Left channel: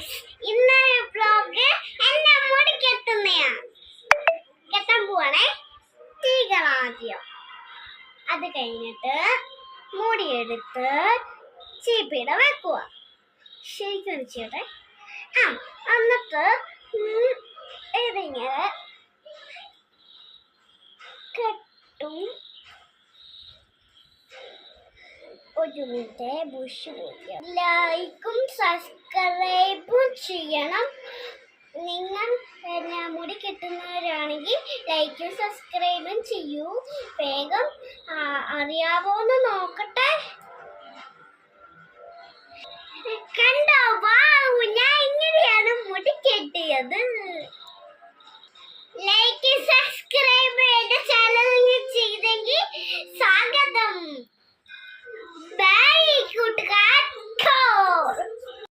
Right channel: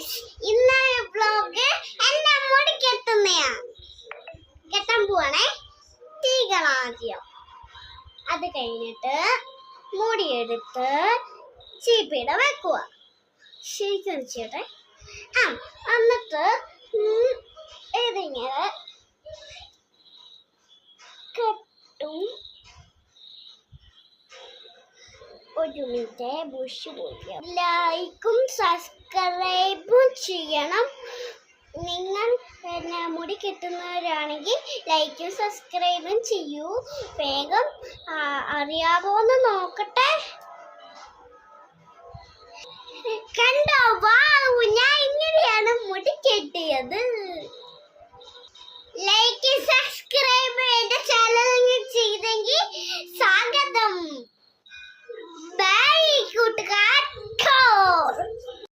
Guys, ഇന്നത്തെ vlog എന്റെ മുടി കെട്ടാൻ പോവാണേ. തീകളാ ആദ്യം. അത് കഴിഞ്ഞിട്ട് മുടിയെടുത്ത് ചീപ്പിട വെക്കുക. ശരിക്കും ചെയ്യട്ടെ. എന്നിട്ട് ഇതിങ്ങനെ കെട്ടും. ഒരു മിനിറ്റ് ബുഷ് പോയി. ലൈക്കും സബ്സ്ക്രൈബും ചെയ്യണം. നിങ്ങൾ പിന്നെ മുടി കെട്ടുന്നവരാണെങ്കിൽ ലൈക്കും സബ്സ്ക്രൈബും ചെയ്യൂ. വേഗം അറിയാവോന്ന് നോക്കട്ടെ. കണ്ടോ, വാ, ഞാൻ ഇങ്ങനെയാണ് മുടി കെട്ടിയത്.